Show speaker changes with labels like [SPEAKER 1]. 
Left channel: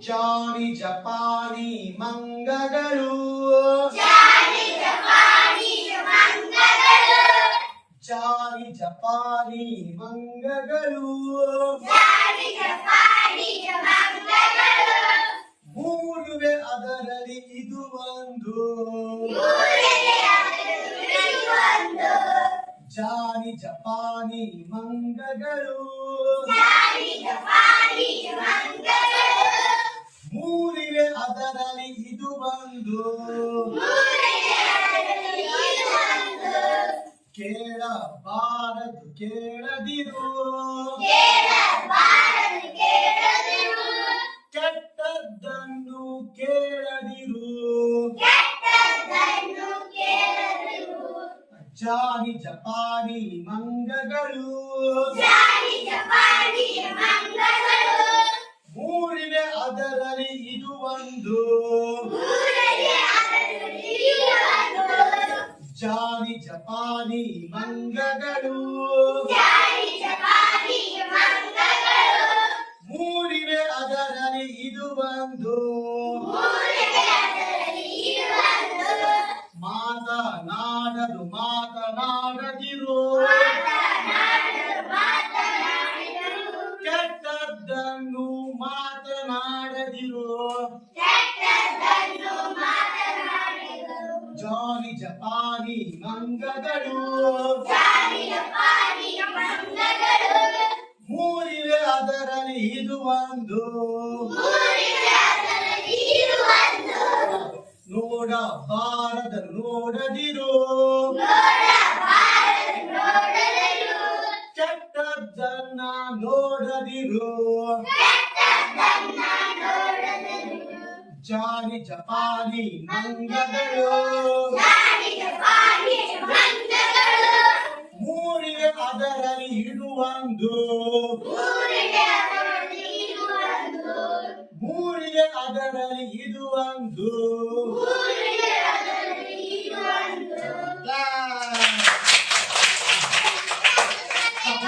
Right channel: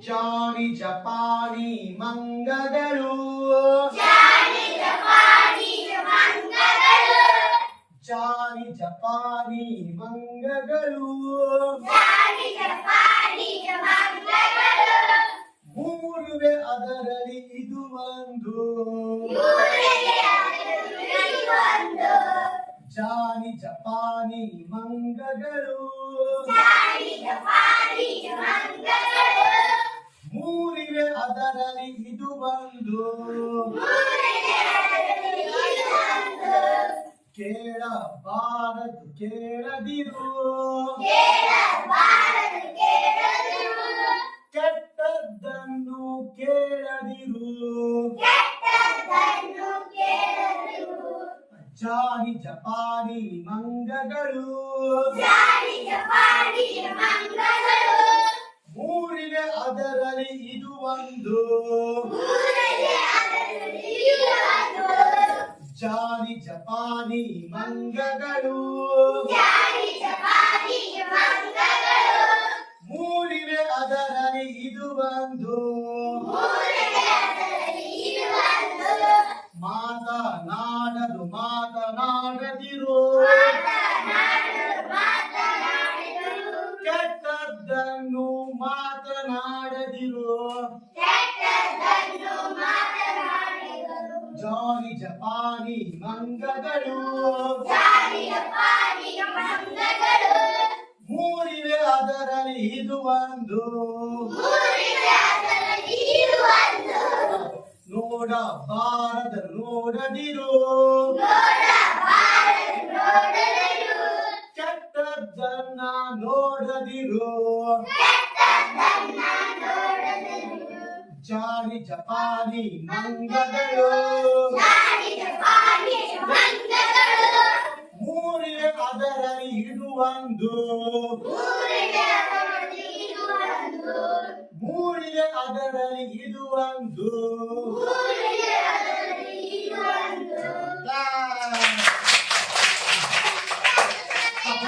[SPEAKER 1] ಜಾನಿ ಜಪಾನಿ ಮಂಗಗಳು. ಜಾನಿ ಜಪಾನಿ ಮಂಗಗಳು. ಮೂರುವೆ ಅದರಲ್ಲಿ ಇದು ಒಂದು. ಜಾನಿ ಜಪಾನಿ ಮಂಗಗಳು. ಮೂರಿವೆ ಅದರಲ್ಲಿ ಇದು ಒಂದು ಕೇಳಬಾರದು ಕೇಳದಿರು. ಕೆಟ್ಟದ್ದನ್ನು ಕೇಳದಿರು. ಜಾನಿ ಜಪಾನಿ ಮಂಗಗಳು. ಮೂರಿವೆ ಅದರಲ್ಲಿ ಇದು ಒಂದು. ಜಾನಿ ಜಪಾನಿ ಮಂಗಗಳು. ಮೂರಿವೆ ಅದರಲ್ಲಿ ಇದು ಒಂದು. ಮಾತನಾಡದು ಮಾತನಾಡದಿರು. ಜಾನಿ ಜಪಾನಿ ಮಂಗಗಳು. ಮೂರಿವೆ ಅದರಲ್ಲಿ ಇದು ಒಂದು. ನೋಡ ಭಾರತ ನೋಡದಿರು. ಕೆಟ್ಟದ್ದನ್ನ ನೋಡದಿರು. ಜಪಾನಿ ಮಂಗಗಳು. ಮೂರಿವೆ ಅದರಲ್ಲಿ ಇರುವಂದು. ಮೂರಿವೆ ಅದರಲ್ಲಿ ಇರುವಂದು.